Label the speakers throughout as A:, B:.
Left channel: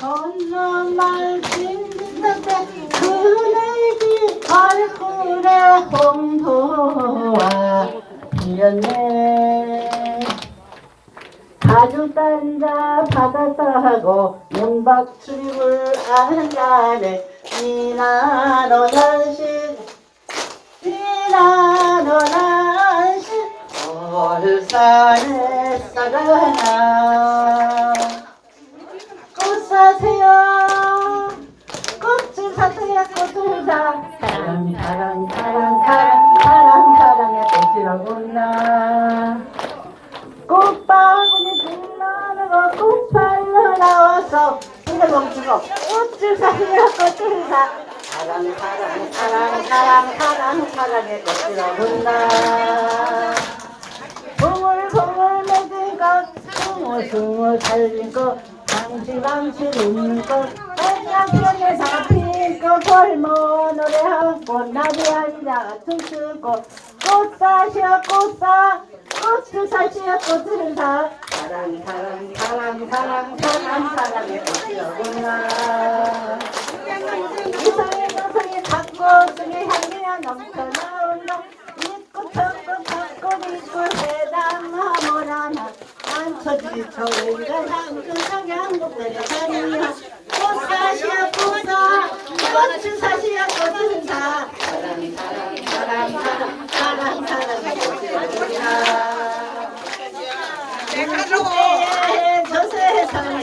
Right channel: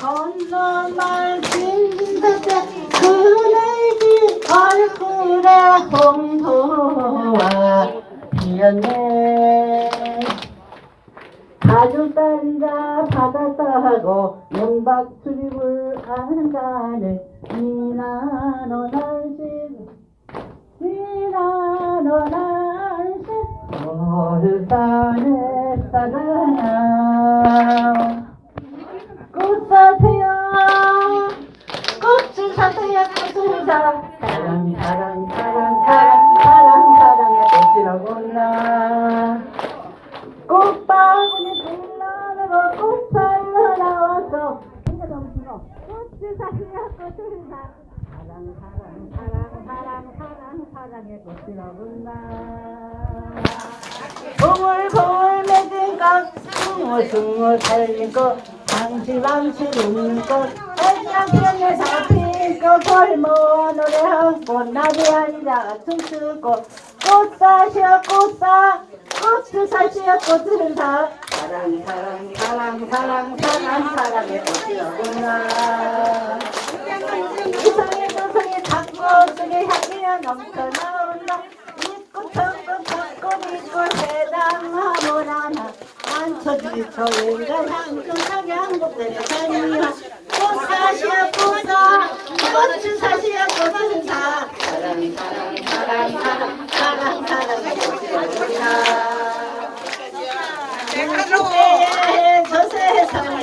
A: 건너만 빈집에 그네기 얼굴에 홍보와 피었네 딴자 받아서 하고 용박 출입을 안가네 니나노 난시 니나노 난시 얼산에 사랑아 꽃 사세요 꽃을 사세요 꽃을 사 사랑 사랑 사랑 사랑 사랑 사랑의 꽃이라구나. 꽃바구니 빛나는 꽃팔로 나와서 손에 멈추고 꽃을 사세요 꽃을 사. 사랑 사랑 사랑 사랑 사랑 사랑의 꽃이라구나. 보물보물 맺은 것 숭어 숭어 달린 것 방치방치 있는 것 안녕편에 잡 힌것 골모 노래한 꽃 나비 앉아 춤추고 꽃 사시오 꽃사. 꽃을 사시오 꽃을 사 사랑 사랑 사랑 사랑 사랑 사랑의 꽃이로구나 이상의 노성의 닭모 속에 향기가 넘쳐 나온다 이꽃 천국 닭국 이꽃 해당하모라나. 만쳐지고 인간 향중하게 한국대로 다니요 꽃 사시야 꽃 사, 꽃을 사시야 꽃을 사 사랑 사랑 사랑 사랑 사랑 사랑의 꽃이로구나 우주의 저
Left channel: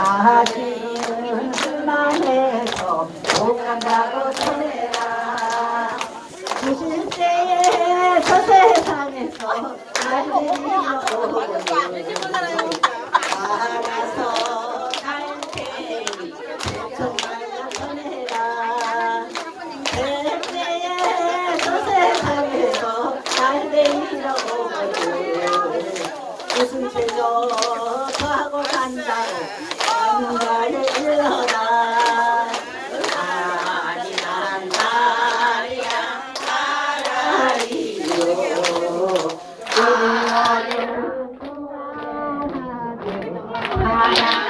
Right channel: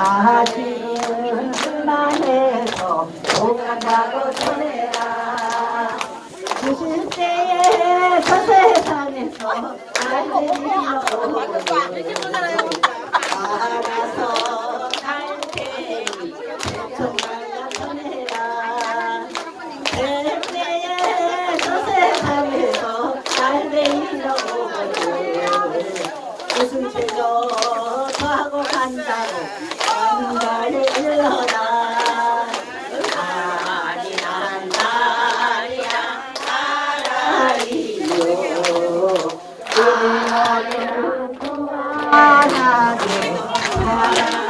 A: 사실은 순간에서 도망가고 설레라 무슨 때에 저 세상에서 안들리고 알아서 갈 테니 정말로 설레라 그 때에 저 세상에서 안들리고 무슨 죄도 저하고 간다고. 好呀。